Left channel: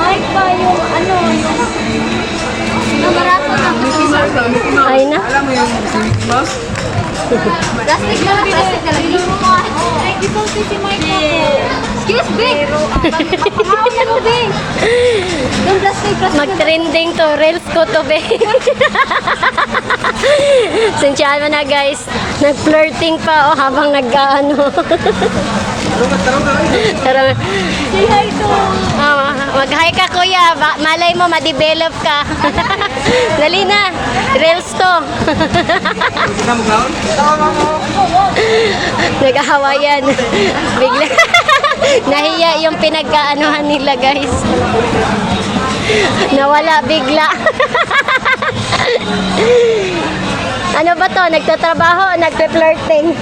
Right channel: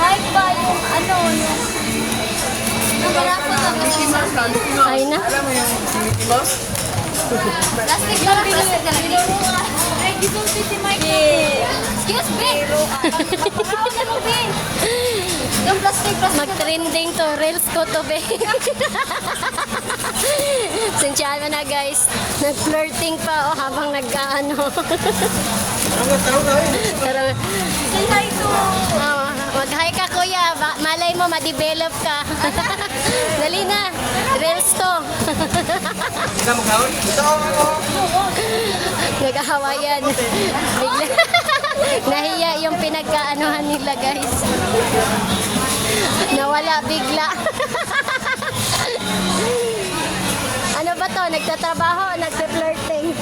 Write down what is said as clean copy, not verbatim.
Mike pa yung ano, namaraso na. Ay na. Alam mo yung Mickey Mouse? Plastic na lang. Ay, ito si Mike. Excuse me. Ano mo, be? Yung plastic. Mag-trending to. Reels ko to, be. Sensyahan mo na, guys. Nag-flirting pa, habang nag-ano. Tara. Say hi to. Mag-hi ka, kuya. Malay mo, ma-develop ka. Dali na. Reels to. Hindi ka mag-haon? Nag-ahawayan. Bigla. Nahiya yung pinagkaanuhan nila, guys. Nawala bigla. Ano ba to? Nagtatrabaho o nagpe-flirting?